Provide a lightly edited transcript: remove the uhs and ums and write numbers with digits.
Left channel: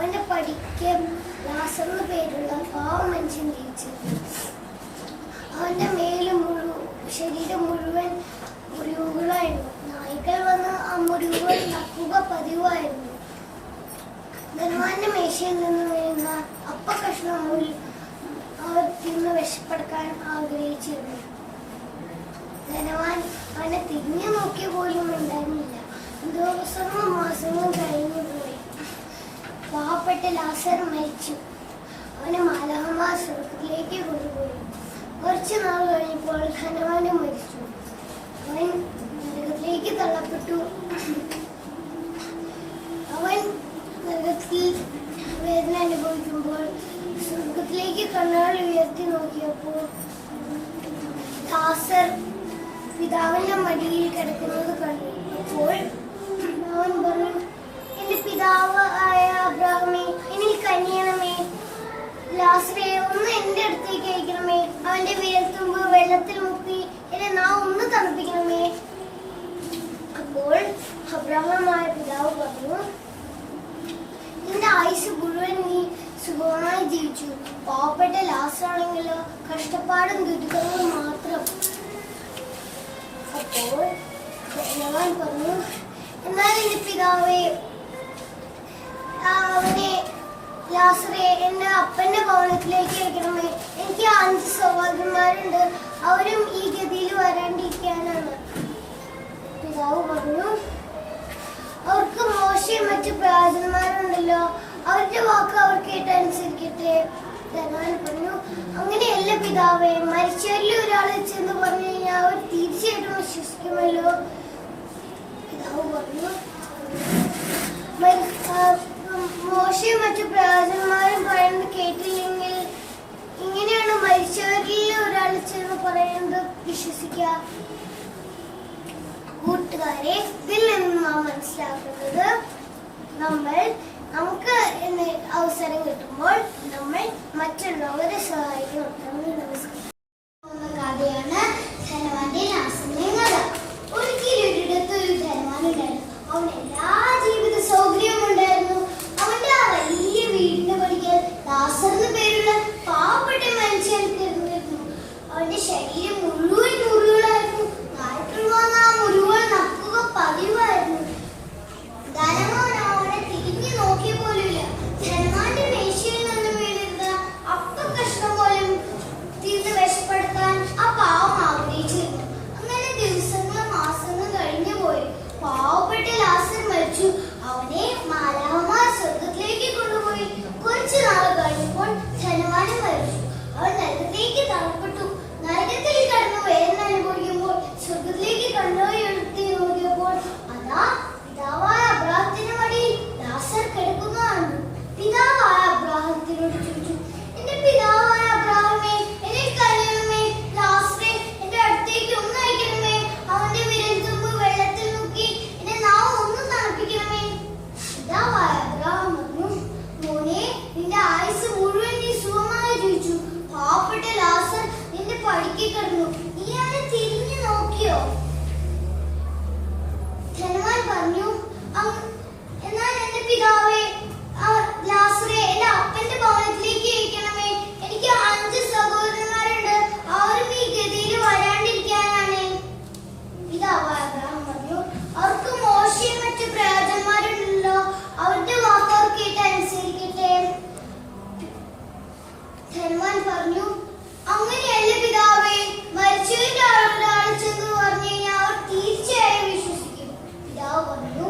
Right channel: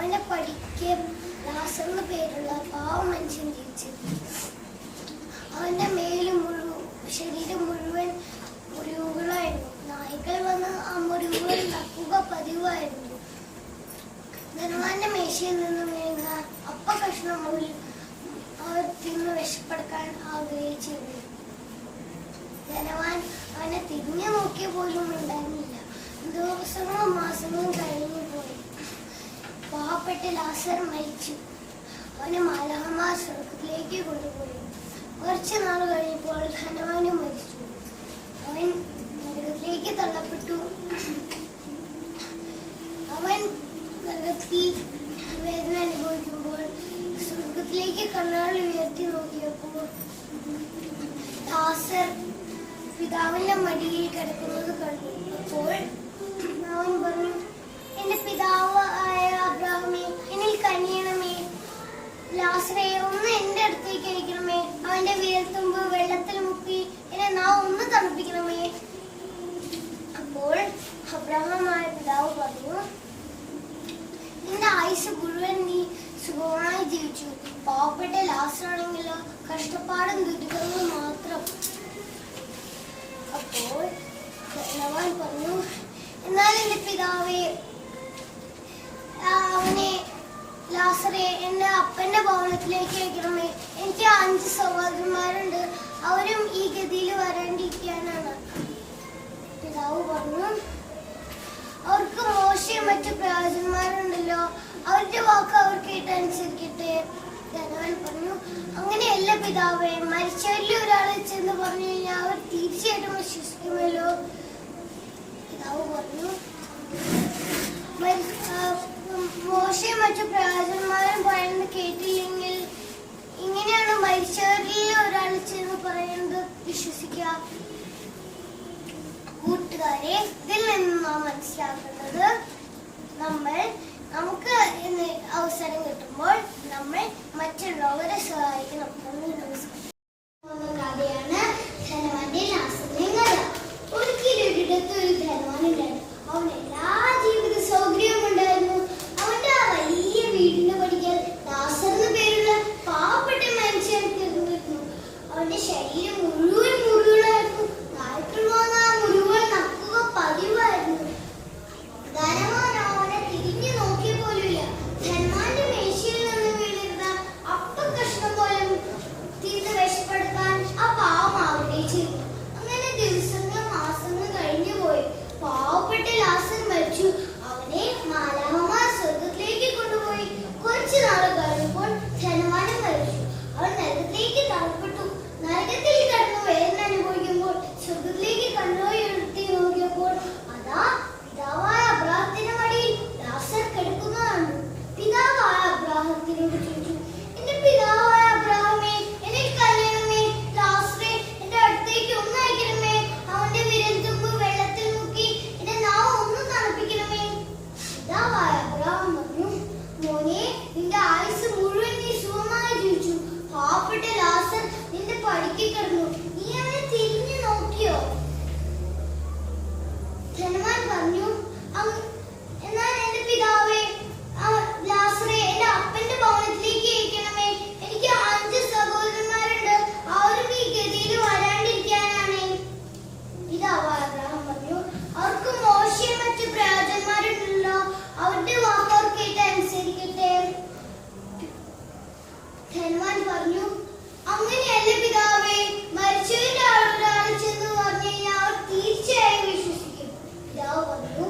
അവന്റെ പഠിക്കാൻ ലാസറിന് പേരുള്ള പാവ മനുഷ്യൻ ജനിച്ചു. അവന്റെ ശരീരം മുഴുവൻ മുറിവുകളായിരുന്നു. നായ്ക്കൾ വന്ന് ആ മുറിവുകൾ നക്കുക പതിവായിരുന്നു. ധനവാന്റെ മേശയിൽ നിന്ന് വീഴുന്ന അപ്പകഷ്ണങ്ങൾ അവർ തിന്ന് വിശപ്പെടുക്കാൻ ആഗ്രഹിച്ചിരുന്നു. ധനവാൻ അവനെ തിരിഞ്ഞു നോക്കിയ പോലും ഉണ്ടായിരുന്നില്ല. ദിവസങ്ങളും മാസങ്ങളും കഴിഞ്ഞു പോയി. പാവപ്പെട്ട ലാസർ മരിച്ചു. അവനെ മാലാഖമാർ സ്വർഗ്ഗത്തിലേക്ക് കൊണ്ടുപോയി. കുറച്ചു നാൾ കഴിഞ്ഞപ്പോൾ ധനവാനും മരിച്ചു. അവൻ നരകത്തിലേക്ക് തള്ളപ്പെട്ടു. അവൻ നരകത്തിൽ വേദന അനുഭവിക്കുമ്പോൾ സ്വർഗ്ഗത്തിലേക്ക് കണ്ണുകൾ ഉയർത്തി നോക്കിയപ്പോൾ ലാസർ പിതാവിന്റെ മടിയിൽ കിടക്കുന്നത് കണ്ടു. അപ്പോൾ അവൻ പറഞ്ഞു, എന്റെ പിതാവ് ആയ അബ്രാഹമേ, എന്നിൽ കനിയണമേ. ലാസറേ, ഒന്ന് എന്റെ അടുത്തേക്ക് അയക്കണമേ. അവന്റെ വിരൽത്തുമ്പ് വെള്ളത്തിൽ മുക്കി എന്നെ നാം ഒന്ന് തണുപ്പിക്കണമേ. അപ്പോൾ അബ്രാഹമായ പിതാവ് പറഞ്ഞു, നിന്റെ ആയുസ് മുഴുവൻ നീ സുഖമായി ജീവിച്ചു. പാവപ്പെട്ട ലാസറാണെങ്കിലോ കഷ്ടപ്പാടും ദുരിതങ്ങളും മാത്രം. അപ്പോൾ ധനവാൻ പറഞ്ഞു, എന്നാൽ എന്റെ പിതാവേ, അവനെ ലാസറെ എന്റെ അപ്പന്റെ ഭവനത്തിലേക്ക് അയക്കണമേ. എനിക്ക് 5 സഹോദരന്മാരുണ്ട്. അവരും ഈ ഗതിയിൽ വരാണ്ടിരിക്കാനാണ്. പിതാവ് പറഞ്ഞു, അവർക്ക് മോശയും മറ്റു പ്രവാചകന്മാരുണ്ടല്ലോ, അവരുടെ വാക്ക് അവർ കേട്ടനുസരിക്കട്ടെ. ധനവാൻ പറഞ്ഞു, അങ്ങനെയല്ല പിതാവേ, മരിച്ചവരിൽ ഒരാളെ ചെന്ന് പറഞ്ഞു കഴിഞ്ഞാൽ അവർ തീർച്ചയായിട്ടും വിശ്വസിക്കുമല്ലോ. പിതാവ് പറഞ്ഞു, മോശയും മറ്റു പ്രവാചകന്മാരും പറയുന്നത് കേട്ടില്ലെങ്കിൽ ഇങ്ങനെയാണ് മരിച്ചവരിൽ ഒരാൾ ചെന്ന് പറയുന്നത് വിശ്വസിക്കുക. കൂട്ടുകാരെ, ഇതിൽ നിന്ന് നാം മനസ്സിലാക്കുന്നത് നമുക്ക് അവസരം കിട്ടുമ്പോൾ നമ്മൾ മറ്റുള്ളവരെ സഹായിക്കണം. കഥയാണ് ധനവാന്റെ ലാസറിന്റെ കഥ. ഒരിക്കലൊരിടത്ത് ഒരു ധനവാൻ ഉണ്ടായിരുന്നു. അവന് എല്ലാ ജീവിത സൗകര്യവും ഉണ്ടായിരുന്നു. അവന്റെ ആ വലിയ വീടിന്റെ പടിക്കൽ ലാസർ എന്ന് പേരുള്ള പാവപ്പെട്ട മനുഷ്യൻ തീർന്നിരുന്നു. അവന്റെ ശരീരം മുഴുവൻ മുറിവുകളായിരുന്നു. ഡോക്ടർ വന്ന ആ മുറിവുകൾ നക്കുക പതിവായിരുന്നു. ധനവാൻ അവനെ തിരിഞ്ഞു നോക്കിയ പോലുമില്ല. ധനവാന്റെ മേശയിൽ നിന്ന് വീണിരുന്ന അപ്പക്കഷ്ണം പോലും തിരിഞ്ഞ് വിശപ്പെടുത്താൻ ആ പാവം ആഗ്രഹിച്ചിരുന്നു. അങ്ങനെ ദിവസങ്ങൾ മാസങ്ങൾ കഴിഞ്ഞു പോയി. പാവപ്പെട്ട ലാസർ മരിച്ചു. അവനെ മാലാഖമാർ സ്വർഗത്തിലേക്ക് കൊണ്ടുപോയി. കുറച്ചു നാൾ കഴിഞ്ഞപ്പോൾ ധനവാനും മരിച്ചു. അവൻ നരകത്തിലേക്ക് തള്ളപ്പെട്ടു. നരകത്തിൽ കടന്നു വേദന അനുഭവിക്കുമ്പോൾ സ്വർഗത്തിലേക്ക് കണ്ണുയർത്തി നോക്കിയപ്പോൾ അതാ പിതാവായ അബ്രാഹത്തിന്റെ മടിയിൽ ലാസർ കിടക്കുന്നതാണ്. പിതാവായ അബ്രാഹത്തിനോട് ചോദിച്ചു, എന്റെ പിതാവായ അബ്രാഹമേ, എന്നെ കരയണമേ, ലാസറെ എന്റെ അടുത്തേക്ക് ഒന്ന് അയക്കണമേ. അവന്റെ വിരൽത്തുമ്പ് വെള്ളത്തിൽ മുക്കി എന്റെ നാവ് ഒന്ന് തണുപ്പിക്കണമേ. പിതാവായ അബ്രാഹം പറഞ്ഞു, മോനെ, നിന്റെ ആയുസ് മുഴുവൻ നീ സുഖമായി ജീവിച്ചു. പാവപ്പെട്ട ലാസർ നിന്റെ പടിക്ക് കിടന്നു. നീ അവനെ തിരിഞ്ഞു നോക്കിയോ? ധനവാൻ പറഞ്ഞു, എന്നാൽ എന്റെ പിതാവേ, ലാസറെ എന്റെ അപ്പന്റെ ഭവനത്തിലേക്ക് അയക്കണമേ. എനിക്ക് 5 സഹോദരന്മാരുണ്ട്. അവരും ഈ ഗതിയിൽ വരാണ്ടിരിക്കാനാണ്. പിതാവായ അബ്രാഹം പറഞ്ഞു, അവർക്ക് മോശയും മറ്റു പ്രവാചകന്മാരുണ്ടല്ലോ, അവരുടെ വാക്ക് അവർ കേട്ട് അനുസരിക്കട്ടെ. ധനവാൻ പറഞ്ഞു, അങ്ങനെയല്ല പിതാവേ, മരിച്ചവരുടെ ആളുകളാണ് ചെന്ന് പറഞ്ഞു കഴിഞ്ഞാൽ അവർ തീർച്ചയായും വിശ്വസിക്കും. പിതാവ് പറഞ്ഞു,